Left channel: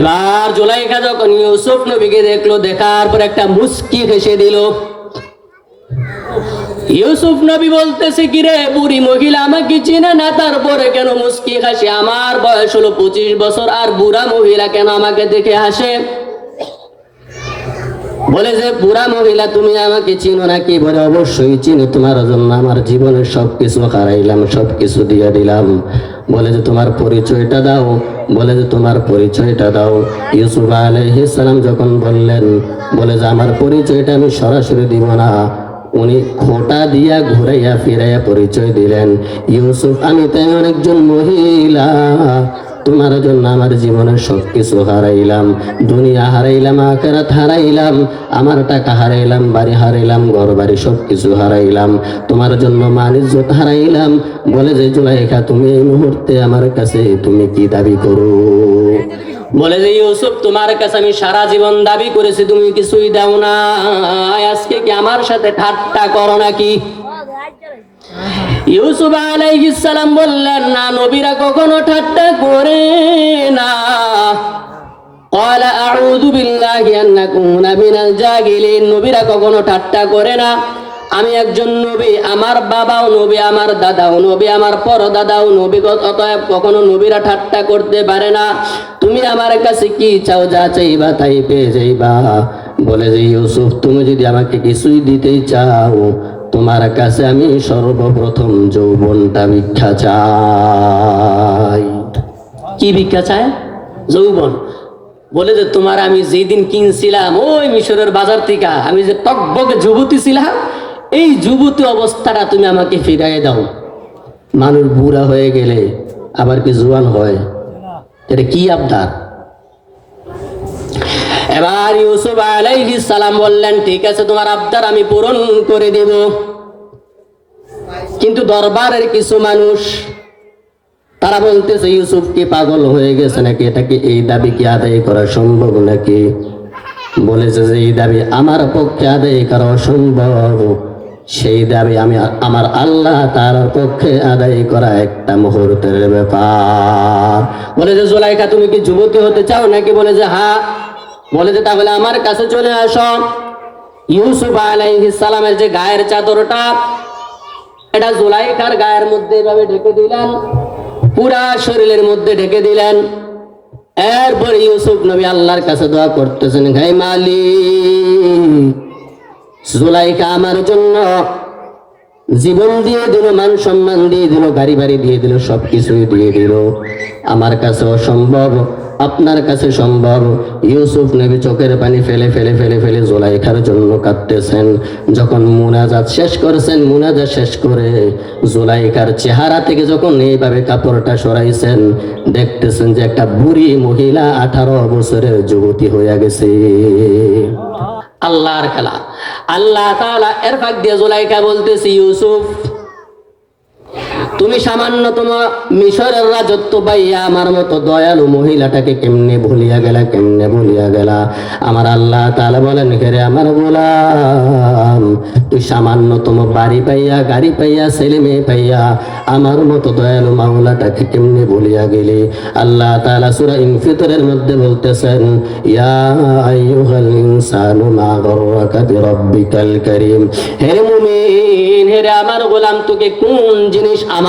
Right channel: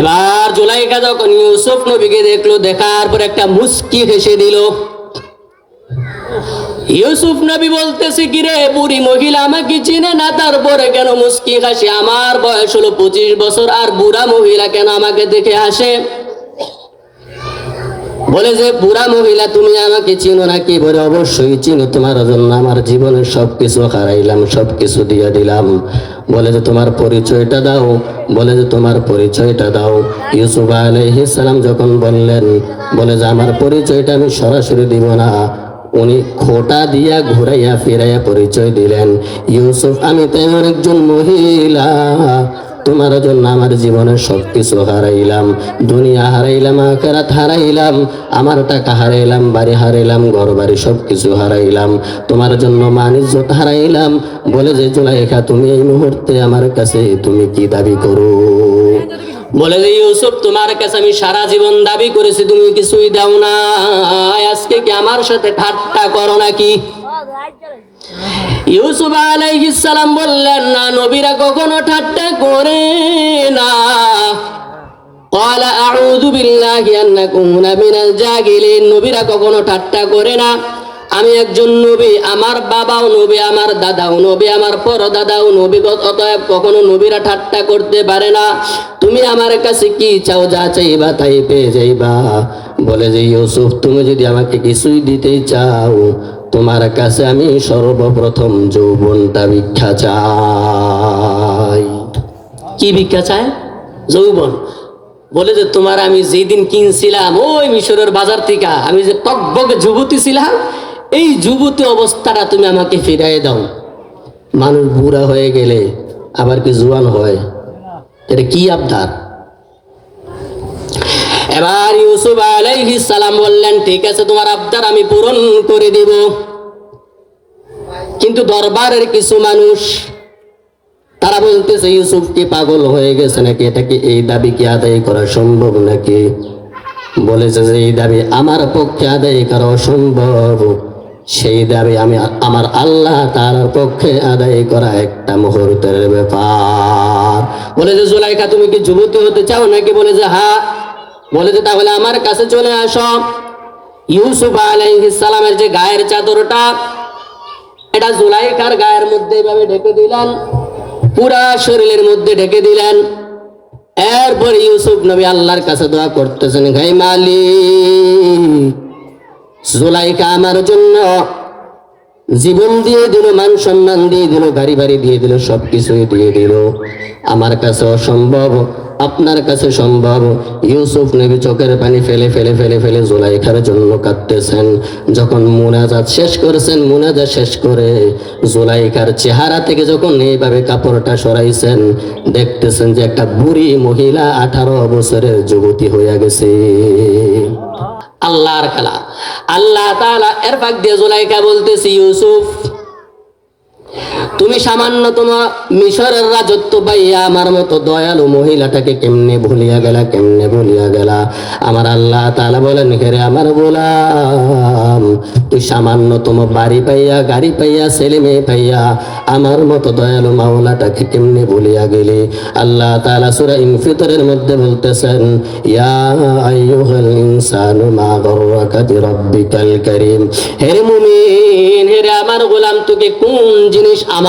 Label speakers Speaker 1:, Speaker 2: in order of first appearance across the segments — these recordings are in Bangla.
Speaker 1: এবার জোলাইখা যখন ইউসুফ নবীকে দেখল, দেখার পর একটা মুস্কি হেসে দিল। ইউসুফ নবী বলতেছে কি রে বুড়ি মহিলা, আমাকে চিনে না? তারপরে কেন মুস্কি হাসে? আমার বয়স হলো পঁচিশ বছর, আর বুড়া মহিলা কেন আমাকে দেখে হাসে? বলে যে, বুড়া মহিলা, তুমি আমাকে চিনো নাকি বলে? অবশ্যই চিনি, তোমার জন্য আমার জীবনের সবকিছু হারাইলাম, সবকিছু দিয়ে দিলাম। বলে যে, তোমার পরিচয়টা দাও। বলে যে, তোমার পরিচয়টা দাও। ইউসুফ সালাম যখন বললেন, বলে যে, আমার পরিচয়টা আমি সরাসরি দিব না। উনি খোটা দিয়া ঘুরাইয়া ফিরাইয়া পরিচয় দিলেন, ইউসুফ, আমি তেমন একজন মহিলা। তোমার জন্য আমার জীবনের সবকিছু হারাইলাম, দুনিয়া হারাইলাম, আখেরাত হারাইলাম, আমার টাকা হারাইলাম, বাড়ি হারাইলাম ঘর বাড়ি সবকিছু হারাইলাম, তোমার জন্য মানিজ্যত হারাইলাম। বলে যে জুলাইখা, তুমি এই মুহূর্তে আমার কাছে তুমি কি দাবি করো? বলে যে ইউসুফ, তোমার কাছে আমি সারা জীবন দাবি করেছি, তুমি কিছুই দাও না। আজকে কি আমার সাথে ঠাট্টা করো নাকি? ইউসুফ আলাইহিস সালাম বললেন, না নবীরা কখনো নবীরা কখনো ঠাট্টা করে না। আমি একজন নবী, আমার বাবাও নবী, আমার দাদাও নবী, আমার নবী, অতএব কখনো নবীরা ঠাট্টা করতে পারে না। তুমি আমার কাছে কি চাও, যা চাইবা তাই পেয়ে যাইবা। বলে যে, ইউসুফ, তুমি যদি আমাকে কিছুই দিতে চাও, তোমার কাছে আমি সর্বপ্রথম যৌবনটা ভিক্ষা চাই। কি ভিক্ষা চায়? যৌবন। বলে যে, তোমার আমি যেই দিন কিনছিলাম, ওই মিশরের বাজার থেকে আমি যে টকবকে যুবতী ছিলাম, এই যুবতী অবস্থাটা তুমি আমাকে ফিরাই দাও। মানুষ বুড়া হয়ে গেলে আবার কি জোয়ান হয়? এটা কি আবদার? এবার ইউসুফ আলাইহিস সালাম বললেন, ঠিক আছে, তোমার আবদার আমি পূরণ করে দেব। কিন্তু দরবারের কিছু মানুষ তারা বলতেছে, ইউসুফ কি পাগল হয়ে গেছে নাকি? এটাকে এই দাবি কি আদায় করা সম্ভব নাকি? বলেছে যে, এই দাবি আমার পক্ষে আদায় করা অসম্ভব। সেই দাবি আমি আমার আল্লাহ তার পক্ষে আদায় করা একটা মুহূর্তের ব্যাপার। বলে যে জোলাইকা, তুমি কি যুবতী হতে চাও নাকি? বলে যে হ্যাঁ বলে যে তাহলে আমার কাছে চলে আসো। ইউসুফ সালামের যে গায়ের চাদরটা, এটা জুলাইখার গায়ের মধ্যে এভাবে ঢেকে দিলেন। পুরা শরীরের মধ্যে ঢেকে দিলেন। এরপর ইউসুফ নবী আল্লাহর কাছে দোয়া করতেছেন ঘাই মালিক, জুলাইকা আমার জন্য জীবন দিয়ে দিল, মান সম্মান দিয়ে দিল গাড়ি বাড়ি দিয়ে দিল, সবকিছুই দিয়ে দিল। আমার কাছে অসম্ভব, আপনার কাছে সম্ভব। ইউসুফ নবী চোখের পানি ফেলে ফেলে ফেলে ফেলে জোলাইখার জন্য কাঁদতেছেন। যখন মুনাজাত শেষ করছেন, মুনাজাত শেষ করে জোলাইখার চেহারা থেকে যখন এইভাবে কাপড়টা সরাইছেন, দেখতেছেন যে একটা বুড়ি মহিলা আঠারো বছরের যুবতী হয়ে গেছে। আল্লাহর খেলা। আল্লাহ এর ফাঁক দিয়ে জোলাইকা বলতেছি ইউসুফ তুমি সামান্যতম মিশরের রাজত্ব পাইয়া আমার মতো দয়ালু মহিলাটাকে কেমনে ভুলিয়া গেলা, কেমনে ভুলিয়া গেলা? আমার আল্লাহ তাআলা বলেন ঘেরে আমার গোলাম, তুই সামান্যতম বাড়ি পাইয়া, গাড়ি পাইয়া, ছেলে মেয়ে পাইয়া আমার মতো দয়ালু মাওলাটাকে কেমনে ভুলিয়া গেলি? আল্লাহ তাআলা সূরা ইনফিতরের মধ্যে বলতেছেন, ইয়া আইয়ুহাল ইনসানু মা গররাকা বিরাব্বিকাল কারীম। হে মুমিন হেরে আমার গোলাম, তোকে কোন জিনিস আমার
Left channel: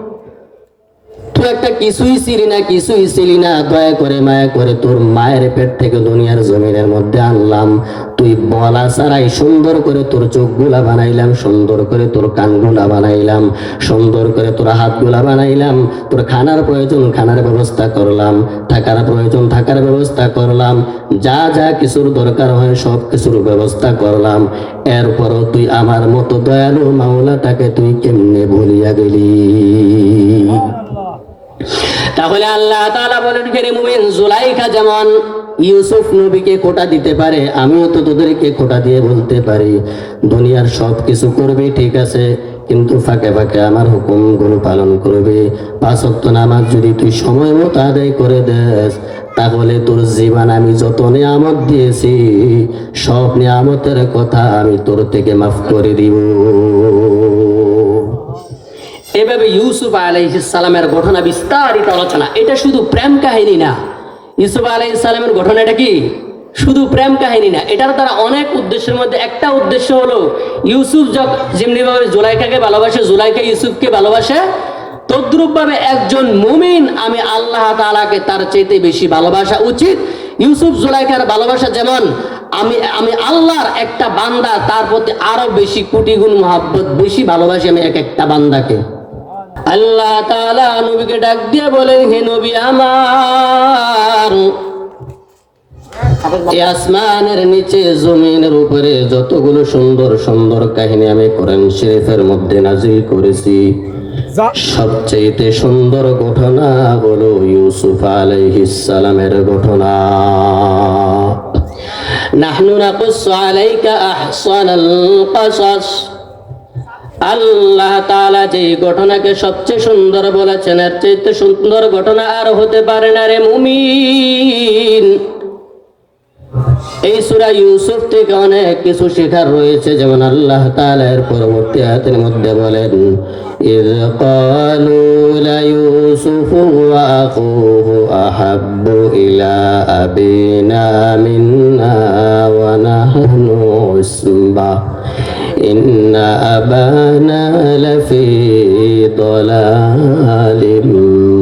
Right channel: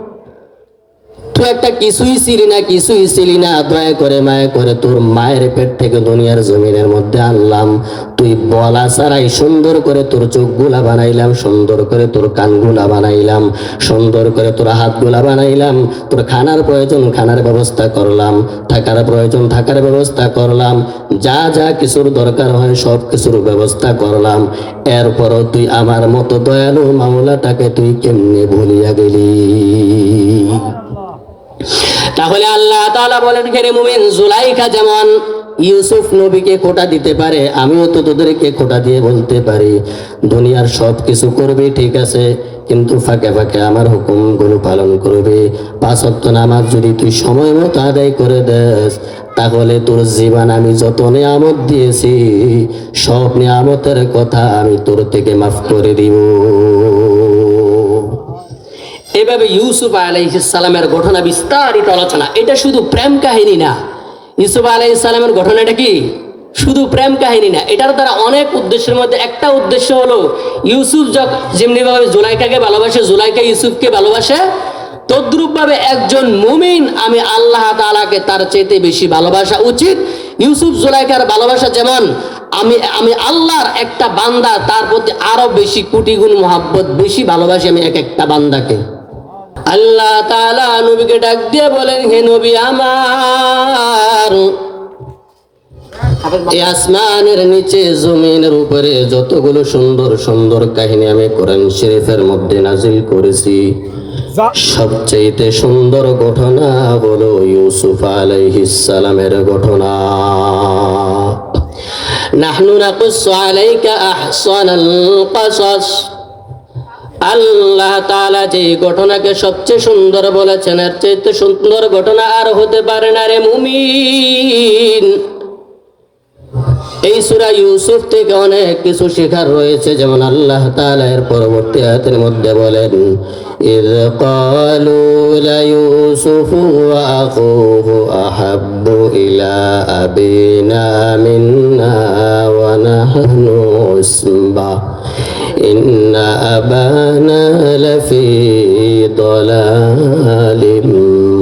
Speaker 1: তুই একটা কিছুই ছিলি না, কিছুই ছিলি না। দয়া করে মায়া করে তোর মায়ের পেট থেকে দুনিয়ার জমিনের মধ্যে আনলাম। তুই বলা ছাড়াই সুন্দর করে তোর চোখগুলা বানাইলাম, সুন্দর করে তোর কানগুলা বানাইলাম, সুন্দর করে তোর হাতগুলা বানাইলাম, তোর খানার প্রয়োজন খানার ব্যবস্থা করলাম, থাকার প্রয়োজন থাকার ব্যবস্থা করলাম, যা যা কিছুর দরকার হয় সব কিছুর ব্যবস্থা করলাম। এরপরও তুই আমার মতো দয়ালু মাওলাটাকে তুই কেমনে ভুলিয়া গেলি তাহলে আল্লাহ তাআলা বলেন রে মুমিন জুলাইখা যেমন ইউসুফ নবীকে খোটা দিতে পারে, আমিও তো তোদেরকে খোটা দিয়ে বলতে পারি। দুনিয়ার সব কিছু করবি, ঠিক আছে, কিন্তু ফাঁকে ফাঁকে আমার হুকুমগুলো পালন করবে। পাঁচ ওয়াক্ত নামাজ যদি তুই সময় মতো আদায় করে দেস, তাহলে তোর জীবন আমি যত নিয়ামত দিয়েছি, সব নিয়ামতের কথা আমি তোর থেকে মাফ করে দিব। এভাবে ইউসুফ আলাইসালামের ঘটনা বিস্তারিত আলোচনা, এটা শুধু প্রেম কাহিনী না। ইউসুফ আলাইসালামের ঘটনাটা কি? শুধু প্রেম কাহিনী না, এটার দ্বারা অনেক উদ্দেশ্যের মধ্যে একটা উদ্দেশ্য হলো, ইউসুফ যেমনিভাবে জুলাইকাকে ভালোবাসে, জুলাইকা ইউসুফকে ভালোবাসে, তদ্রুপভাবে একজন মুমিন আমি আল্লাহ তাআলাকে তার চাইতে বেশি ভালোবাসা উচিত। ইউসুফ জুলাইকার ভালোবাসা যেমন, আমি আমি আল্লাহর একটা বান্দা, তার প্রতি আরও বেশি কোটি গুণ মহাব্বত, বেশি ভালোবাসি আমি এক একটা বান্দাকে। আল্লাহ তাআলা নবীকে ডাক দিয়ে বলেন, হে নবী আমার আসমানের নিচে, জমিনের উপরে যতগুলো সুন্দর সুন্দর কাহিনী আমি কোরআন শরীফের মধ্যে নাজিল করেছি সবচেয়ে সুন্দর ঘটনা হলো ইউসুফ আলাইহিস সালামের ঘটনা। নাহনু আলাইকা আহসানাল কাসাস। আল্লাহ তাআলা যে ঘটনাকে সবচেয়ে সুন্দর বলেছেন এর চেয়ে সুন্দর ঘটনা আর হতে পারে না রে মুমিন এই সূরা ইউসুফ থেকে অনেক কিছু শেখার রয়েছে যেমন আল্লাহ তাআলা এর পরবর্তী আয়াতের মধ্যে বলেন إذ قالوا ليوسف وأخوه أحب إلى أبينا منا ونحن عصبة إن أبانا لفي ضلال مبين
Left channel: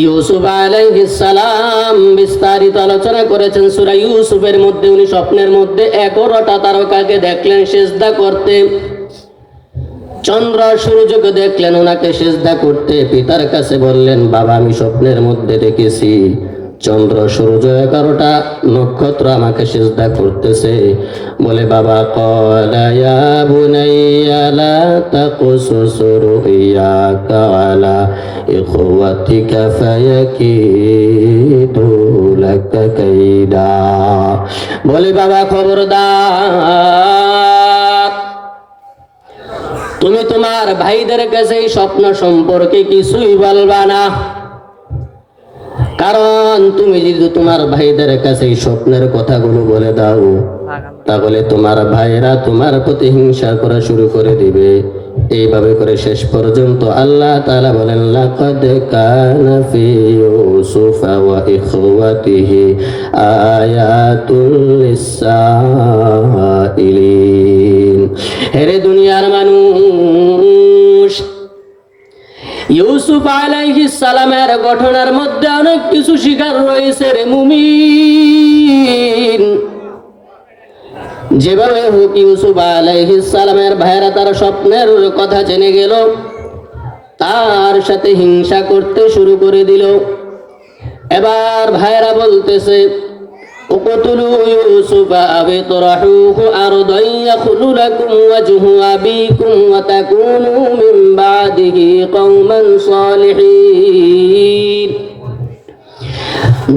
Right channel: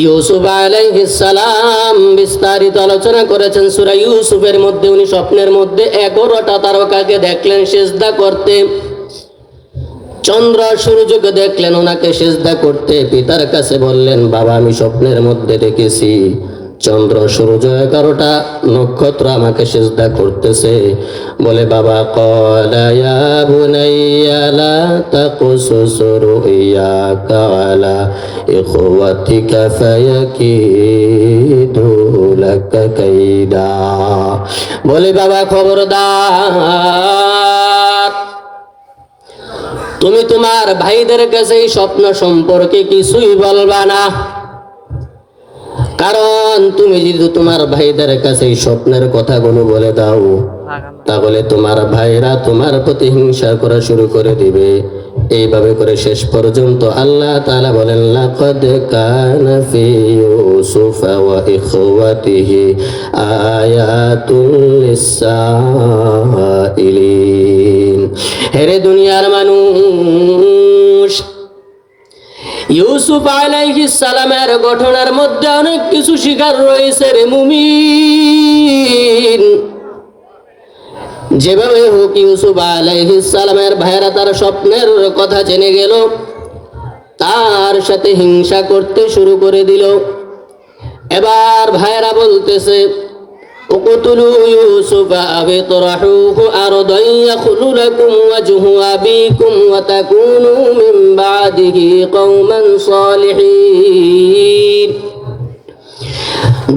Speaker 1: ইউসুফ আলাইহিস সালাম বিস্তারিত আলোচনা করেছেন সূরা ইউসুফের মধ্যে উনি স্বপ্নের মধ্যে এগারোটা তারকাকে দেখলেন সেজদা করতে চন্দ্র সূর্যকে দেখলেন ওনাকে সেজদা করতে পিতার কাছে বললেন বাবা আমি স্বপ্নের মধ্যে দেখেছি চন্দ্র সূর্য এগারোটা নক্ষত্র আমাকে সেজদা করতেছে। বলে, বাবা কলায়া বুনাইয়া লা তাকুসুস রুইয়াকা আলা ইখওয়াতিকা বলে, বাবা, খবরদার, তুমি তোমার ভাইদের কাছে এই স্বপ্ন সম্পর্কে কিছুই বলবা না। কারণ তুমি যদি তোমার ভাইদের কাছে স্বপ্নের কথাগুলো বলে দাও, তাহলে তোমার ভাইরা তোমার প্রতি হিংসা করা শুরু করে দিবে। এইভাবে করে শেষ পর্যন্ত আল্লাহ তাআলা বলেন, লাকাদ কানা ফি ইউসুফ ওয়া ইখওয়াতিহি আয়াতুল লিসাইলিন হেরে দুনিয়ার মানুষ! ইউসুফ আলাইহিস সালামের গঠনের মধ্যে অনেক কিছু শিকার রয়েছে রে মুমিন। যেভাবে হোক ইউসুফ আলাইহিস সালামের ভাইরা তার স্বপ্নের কথা জেনে গেল, তার সাথে হিংসা করতে শুরু করে দিল। এবার ভাইরা বলতেছে اقتلوا يوسف أو اطرحوه أرضا يخل لكم وجه أبيكم وتكونوا من بعده قوما صالحين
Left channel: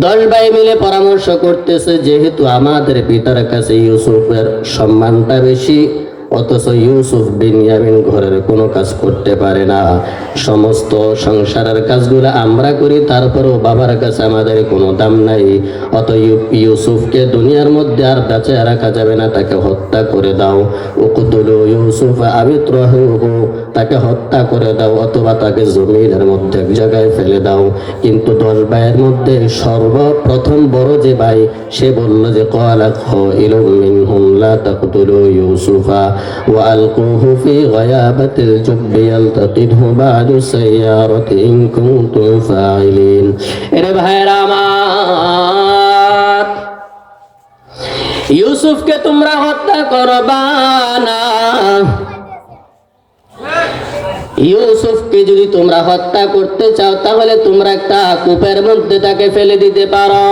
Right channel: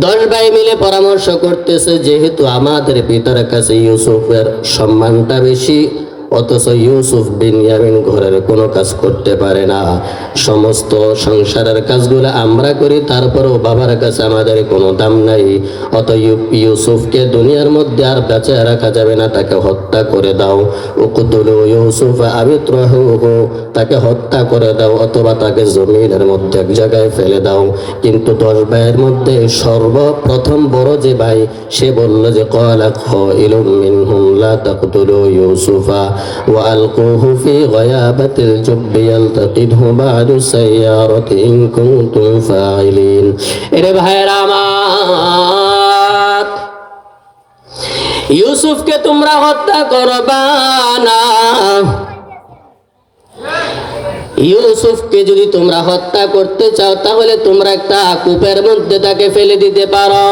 Speaker 1: দশ ভাই মিলে পরামর্শ করতেছে যেহেতু আমাদের পিতার কাছে ইউসুফের সম্মানটা বেশি অথচ ইউসুফ বিনিয়ামিন ঘরের কোনো কাজ করতে পারে না। সমস্ত সংসারের কাজগুলো আমরা করি, তারপরেও বাবার কাছে আমাদের কোনো দাম নাই। অত ইউসুফকে দুনিয়ার মধ্যে আর বেঁচে রাখা যাবে না, তাকে হত্যা করে দাও। উকুতুল ইউসুফ আবিত্রহ, তাকে হত্যা করে দাও অথবা তাকে জমিনের মধ্যে এক জায়গায় ফেলে দাও। কিন্তু দশ ভাইয়ের মধ্যে সর্বপ্রথম বড় যে ভাই, সে বলল যে কলা খাইলুম মিনহুম লা তাকতুলু ইউসুফা। وألقوه في غيابة الجب يلتقطه بعد السيارة إن كنتم فاعلين এরে ভাইরা আমার ইউসুফকে তোমরা হত্যা করবা না ইউসুফকে যদি তোমরা হত্যা করতে চাও তাহলে তোমরা একটা কূপের মধ্যে তাকে ফেলে দিতে পারো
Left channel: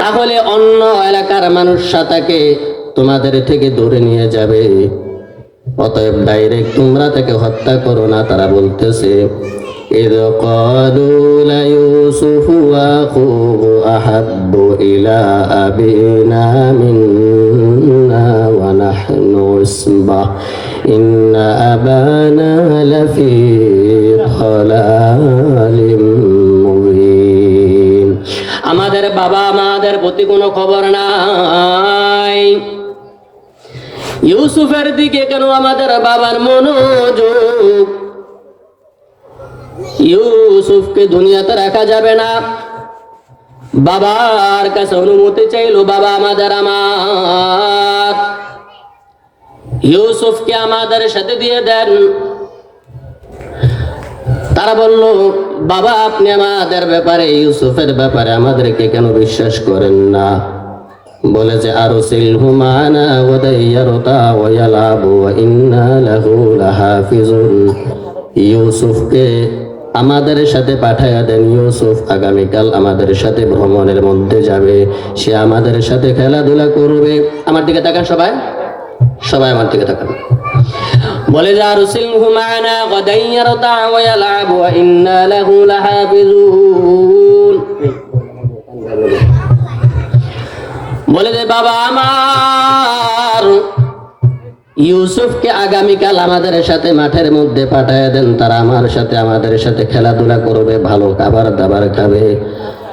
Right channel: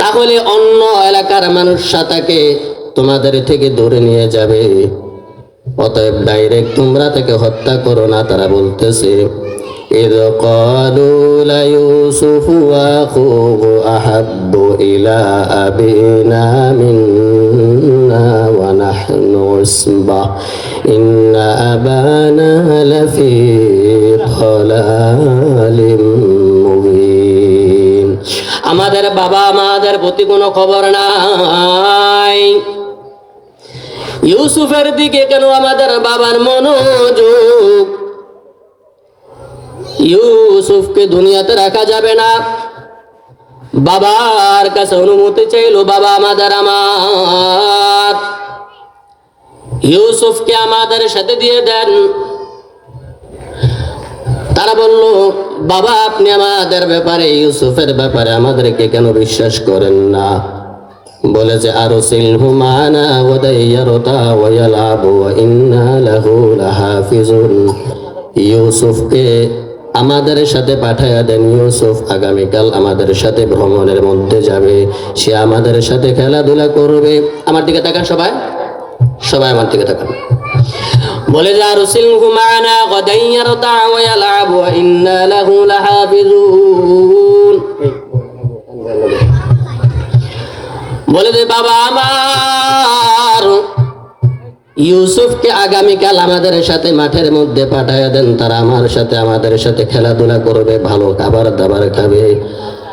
Speaker 1: তাহলে অন্য এলাকার মানুষরা তাকে তোমাদের থেকে দূরে নিয়ে যাবে অতএব ডাইরেক্ট তোমরা তাকে হত্যা করো না তারা বলতেছে إذ قالوا ليوسف وأخوه أحب إلى أبينا منا ونحن عصبة إن أبانا لفي ضلال মুবিন আমাদের বাবা আমাদের প্রতি কোনো খবর নাই। ইউসুফের দিকে কেন আমাদের বাবার মনোযোগ? ইউসুফকে দুনিয়াতে রাখা যাবে না। বাবার কাছে অনুমতি চাইলো, বাবা, আমাদের আমার। ইউসুফকে আমাদের সাথে দিয়ে দেন। তারা বলল, বাবা, আপনি আমাদের ব্যাপারে, ইউসুফের ব্যাপারে আমাদেরকে কেন বিশ্বাস করেন না? বলেছে আরও সিলহুমানা লাহাফিজুন। ইউসুফকে আমাদের সাথে পাঠাইয়া দেন। ইউসুফ আগামীকাল আমাদের সাথে ভ্রমণের মধ্যে যাবে। সে আমাদের সাথে খেলাধুলা করবে। আমার দিকে তাকান সবাই। সবাই আমার দিকে তাকান। মা'ানা গাদান ইয়ারতা ওয়া ইয়ালআব ওয়া ইন্না লাহু লাহাফিজুন। বলে বাবা আমার, ইউসুফকে আগামীকাল আমাদের সাথে মাঠের মধ্যে পাঠায় দেন। তারা আমার সাথে আমাদের সাথে খেলাধুলা করবে, ভালো খাবার দাবার খাবে।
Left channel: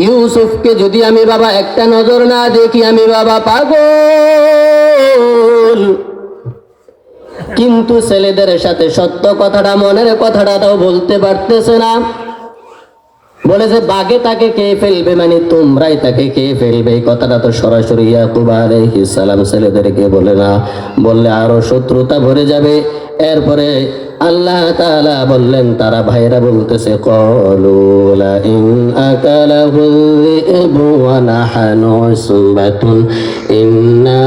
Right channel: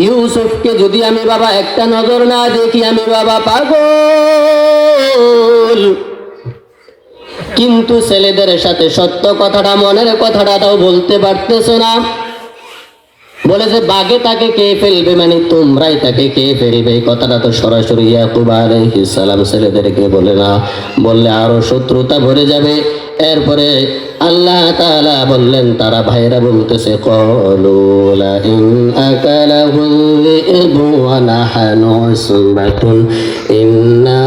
Speaker 1: ইউসুফকে যদি আমি বাবা একটা নজর না দেখি, আমি বাবা পাগল। কিন্তু ছেলেদের সাথে সত্য কথাটা, মনের কথাটা তাও বলতে পারতেছে না। বলে যে বাঘে তাকে কে ফেলবে? মানে তোমরাই তাকে কে ফেলবে? এই কথাটা তো সরাসরি ইয়াকুব আলাইহিস সালাম ছেলেদেরকে বলে না। বললে আরও শত্রুতা ভরে যাবে। এরপরে আল্লাহ তাআলা বললেন, তারা ভাইরা বলতেছে, কলু লা ইন আকালাহু যিবু ওয়া নাহনু সুবাতুন ইন্না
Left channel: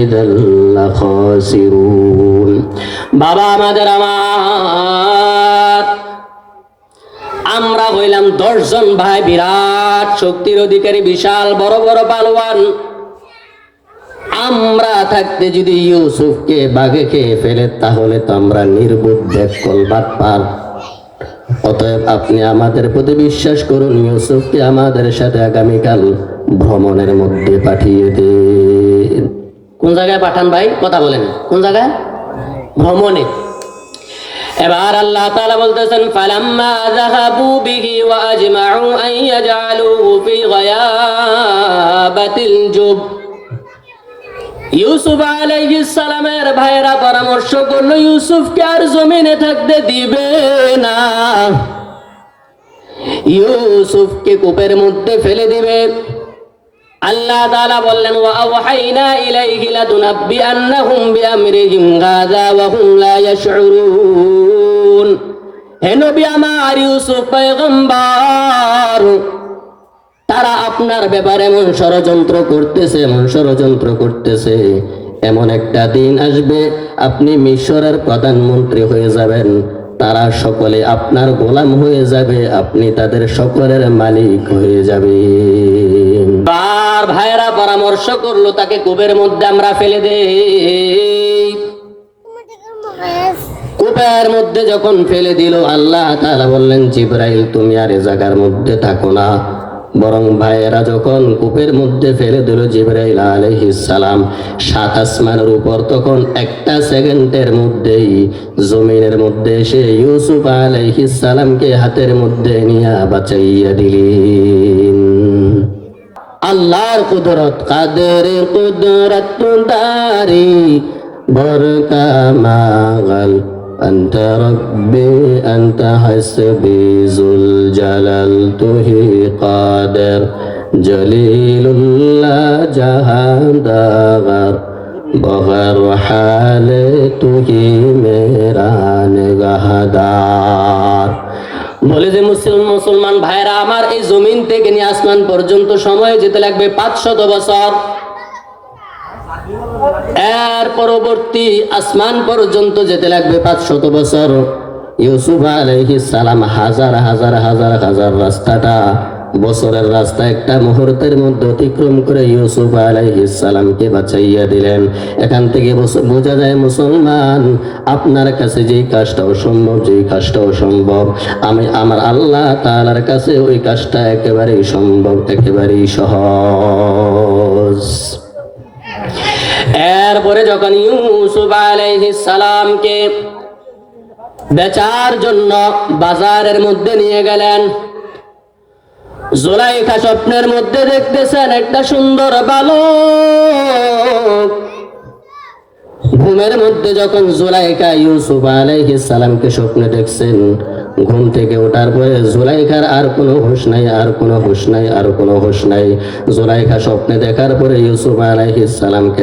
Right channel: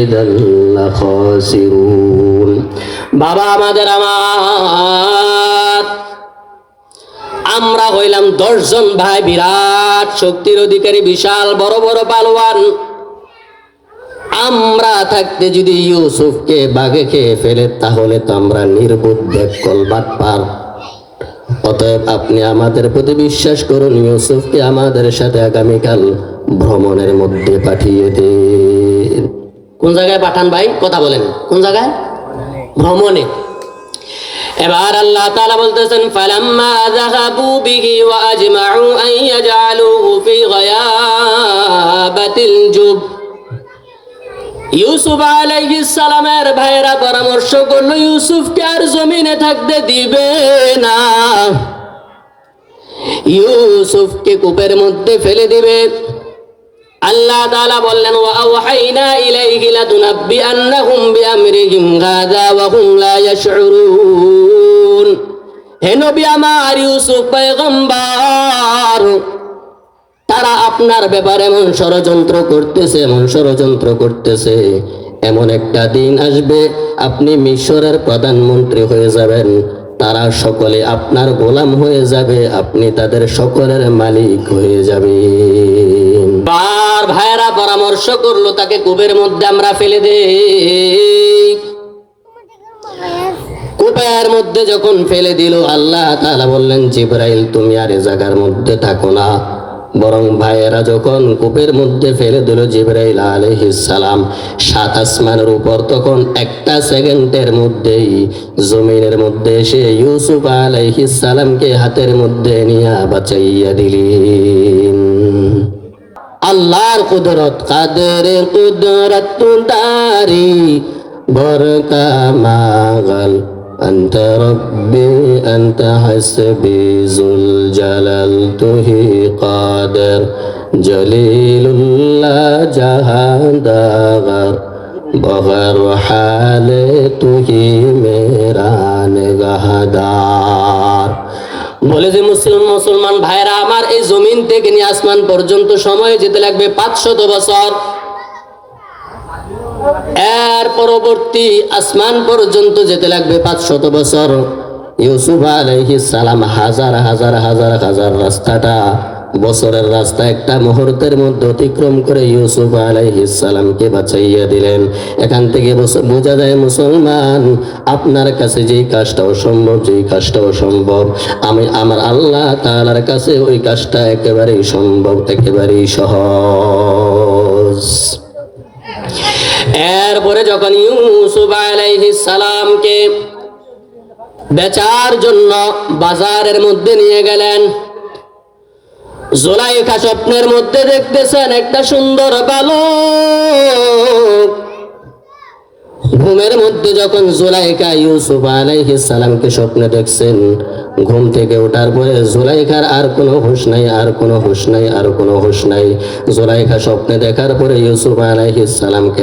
Speaker 1: ইদাল লাখাসিরুন। বাবা আমাদের আমার, আমরা হইলাম দশজন ভাই বিরাট, শক্তির অধিকারী, বিশাল, বড় বড় পালোয়ান। আমরা থাকতে যদি ইউসুফকে বাঘে খেয়ে ফেলে, তাহলে তো আমরা নির্বুদ্ধ কলবাদ পার অতএব আপনি আমাদের প্রতি বিশ্বাস করুন, ইউসুফকে আমাদের সাথে আগামীকাল ভ্রমণের মধ্যে পাঠিয়ে দিন। কোন জায়গায় পাঠান ভাই? কথা বলেন। কোন জায়গায়? ভ্রমণে। এবার আল্লাহ তাআলা বলতেছেন, ফালাম্মা যাহাবু বিহি ওয়া আজমাউ আন ইয়াজআলুহু ফি গায়াবাতিল জুব। ইউসুফ আলাইহিস সালামের ভাইরা পরামর্শ করল, ইউসুফকে আর জমিনে থাকতে দিবে না। ইউসুফকে কূপের মধ্যে ফেলে দিবে। আল্লাহ তাআলা বললেন, ওয়া আওহাইনা ইলাইহি লাতুনাব্বিআন্নাহুম বিআমরিহিম গাদা ওয়া হুম লা ইয়াশউরুন। হে নবী আমার ইউসুফ পয়গম্বর আপনার ব্যাপারে এমন ষড়যন্ত্র করতেছে, এমন ষড়যন্ত্র করতেছে। এমন একটা দিন আসবে, আপনি মিশরের প্রধানমন্ত্রী হয়ে যাবেন। তারা সকলে আপনার গোলাম হয়ে যাবে, আপনি তাদের সকলের মালিক হয়ে যাবেন। বার ভাইয়েরা পরামর্শ করল, তাকে কূপের মধ্যে আমরা ফেলে দেই। কূপের মধ্যে যখন ফেলে দিল, আল্লাহ তাআলা বললেন, জিব্রাইল, তুমি আর এ জায়গার মধ্যে থাকো না। বরং ভাইয়েরা যখন কূপের মধ্যে ফেলে দিল জিব্রাইল আলাইহিস সালাম, সাত আসমানের উপর তখন একটা সেকেন্ডের মধ্যেই জমিনের মধ্যে এসে ইউসুফ আলাইহিস সালামকে হাতের মধ্যে নিয়ে বাঁচাইয়া দিলেন। আল্লাহর কুদরত কাদের কুদরত, দারি, বরকা, মাগাল أنت ربي أنت حسبي ذو الجلال تهي قادر جليل الله جهان داغر بغر حال تهي میرا نگهدار বলে যে মুসলিম মুসলমান ভাইরা আমার এই জমিন থেকে নিয়ে আসমান পর্যন্ত সময় যেতে লাগবে পাঁচশত বছর এর পরবর্তী আসমান পর্যন্ত যেতে লাগবে বছর। ইউসুফ আলাইহিস সালাম হাজার হাজার হাজার হাজার রাস্তাটা, বছরের রাস্তা একটা মুহূর্তের মধ্যে অতিক্রম করে ইউসুফ বাঁচাইয়া দিলেন। এখান থেকে বোঝা যায় মুসলমান, আপনার কাছে যেই কাজটা অসম্ভব, যেই কাজটা অসম্ভব, আমি, আমার আল্লাহ তাআলার কাছে ওই কাজটা একেবারেই সম্ভব, একেবারেই সহজ। এরপরে যখন ইউসুফ আলাইহিস সালামকে বেচার জন্য বাজারের মধ্যে নিয়ে গেলেন, জোলাইখা স্বপ্নের মধ্যে দেখতেছেন একটা সুন্দর বালক। ঘুমের মধ্যে যখন জোলাইকা ইউসুফ আলাইহিস সালামকে স্বপ্নে দেখছেন ঘুম থেকে ওঠার পরে জোলাইখার আর কোনো হুঁশ নাই, আর কোনো হুঁশ নাই, আর কোনো হুঁশ নাই। জোলাইখা স্বপ্নে দেখার পরে ইউসুফ আলাইহিস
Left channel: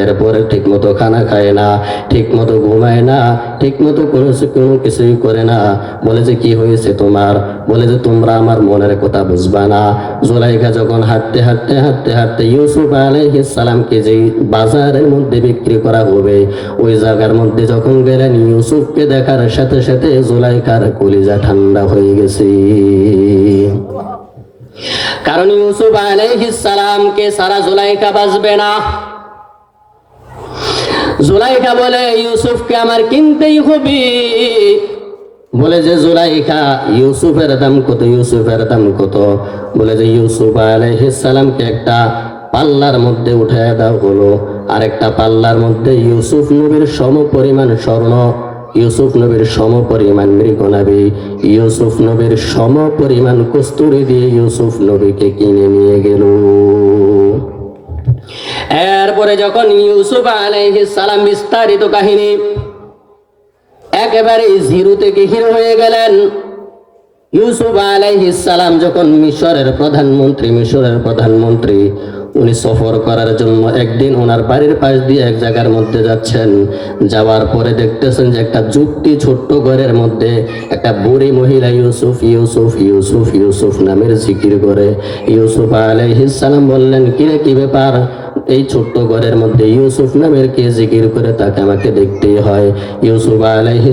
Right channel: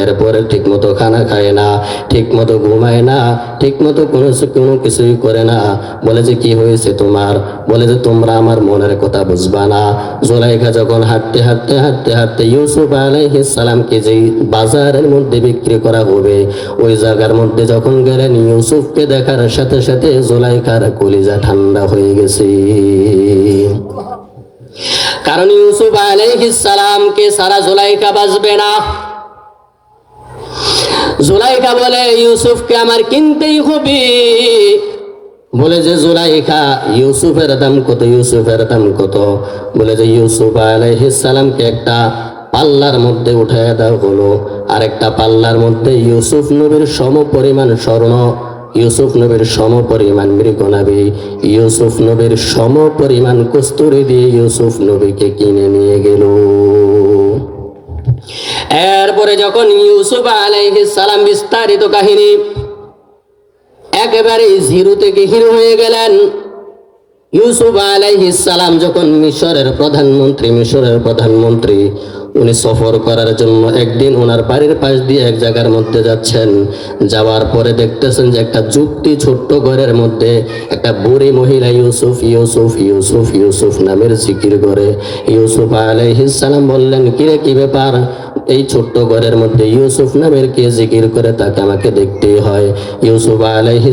Speaker 1: এরপরে ঠিক মতো খানা খায় না ঠিক মতো ঘুমায় না ঠিক মতো কোনো কোনো কিছুই করে না। বলে যে, কি হয়েছে তোমার? বলে যে, তোমরা আমার মনের কথা বুঝবা না। জোলাইখা যখন হাঁটতে হাঁটতে হাঁটতে হাঁটতে ইউসুফ আলাইহিস সালামকে যেই বাজারের মধ্যে বিক্রি করা হবে, ওই জায়গার মধ্যে যখন গেলেন, ইউসুফকে দেখার সাথে সাথে জোলাইখার কলিজা ঠান্ডা হয়ে গেছে। কারণ ইউসুফ আলাইহিস সালামকে সারা জোলাইখা বাঁচবে না। জুলাইখা বলে, ইউসুফকে আমার কিনতেই হবে। বলে যে জুলাইখা ইউসুফের দাম কত, ইউসুফের দাম কত? বলে যে, ইউসুফ আলাইহিস সালামকে একটা পাল্লার মধ্যে উঠায় দেওয়া হলো আর একটা পাল্লার মধ্যে ইউসুফ নবীর সম পরিমাণ স্বর্ণ ইউসুফ নবীর সম পরিমাণ মৃগনাবি ইউসুফ নবীর সম পরিমাণ কস্তুরি দিয়ে ইউসুফ নবীকে কিনে নিয়ে গেল। এরপরে যখন ইউসুফ আলাইহিস সালাম বিস্তারিত কাহিনী একেবারে জিরো থেকে হিরো হয়ে গেলেন, ইউসুফ আলাইহিস সালাম যখন মিশরের প্রধানমন্ত্রী মিশরের প্রধানমন্ত্রী উনি সফর করার জন্য একদিন ওনার বাড়ির পাশ দিয়ে এক জায়গার মধ্যে যাচ্ছেন। যাওয়ার পরে দেখতেছেন যে একটা যুক্তি ছোট্ট ঘরের মধ্যে একটা বুড়ি মহিলা ইউসুফ ইউসুফ ইউসুফ ইউসুফ নামের জিকির করে। ইউসুফ সালাম বললেন, কিরে, কি ব্যাপার? এই ছোট্ট ঘরের মধ্যে ইউসুফ নামের কে জিকির করে? তাকে আমাকে দেখতেই হয়। ইউসুফ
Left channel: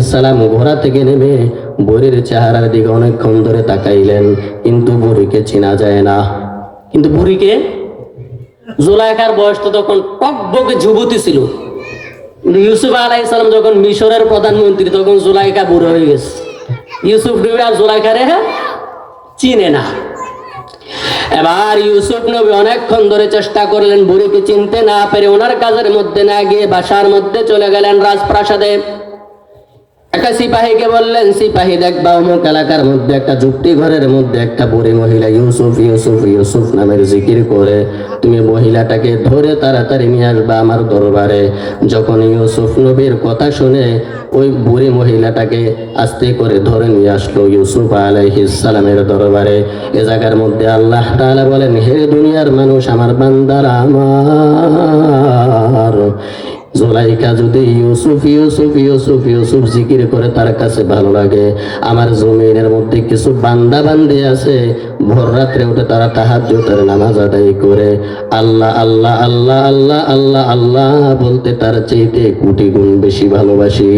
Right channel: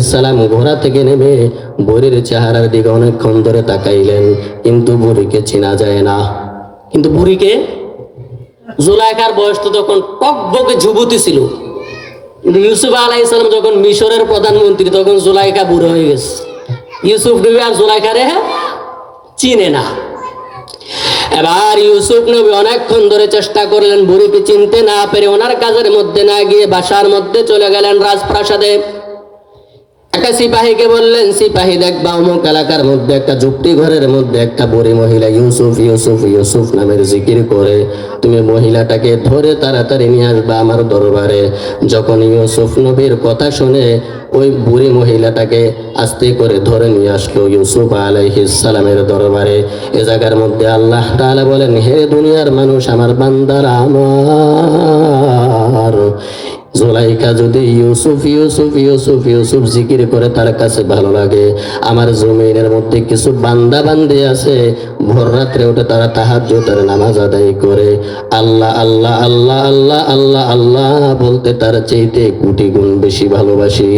Speaker 1: সালাম ঘোড়া থেকে নেমে বুড়ির চেহারার দিকে অনেকক্ষণ ধরে তাকাইলেন। কিন্তু বুড়িকে চেনা যায় না। কিন্তু বুড়িকে জুলাইকার বয়স তো তখন টকবকে যুবতী ছিল। ইউসুফ আলাইহিস সালাম যখন মিশরের প্রধানমন্ত্রী, তখন জুলাইকা বুড়ো হয়ে গেছে। ইউসুফ নবী আর জুলাইকারে চিনে না। এবার ইউসুফ নবী অনেকক্ষণ ধরে চেষ্টা করলেন, বুড়িকে চিনতে না পেরে ওনার কাজের মধ্যে না গিয়ে বাসার মধ্যে চলে গেলেন রাজপ্রাসাদে। একটা সিপাহীকে বললেন, সিপাহী দেখবা অমুক এলাকার মধ্যে একটা যুক্তি ঘরের মধ্যে একটা বুড়ি মহিলা ইউসুফ ইউসুফ ইউসুফ নামের জিকির করে, তুমি মহিলাটাকে ধরে তাড়াতাড়ি নিয়ে আসবা আমার দরবারে। যখন ইউসুফ নবীর কথা শুনে ওই বুড়ি মহিলাটাকে আস্তে করে ধরে নিয়ে আসলো ইউসুফ আলাইহিস সালামের দরবারে। এ জায়গার মধ্যে আল্লাহ বলেন, হে দুনিয়ার মানুষ, আমার বান্দার আমার জোলাইকা যদি ইউসুফ ইউসুফ ইউসুফ ইউসুফ জিকির করে তার কাছে ভালো লাগে। আমার জমিনের মধ্যে কিছু বান্দা বান্দি আছে, ভোর রাত্রে উঠে তারা তাহাজ্জুদের নামাজ আদায় করে। আল্লাহ আল্লাহ আল্লাহ আল্লাহ আল্লাহ আল্লাহ বলতে তার চাইতে কোটি গুণ বেশি ভালোবাসি।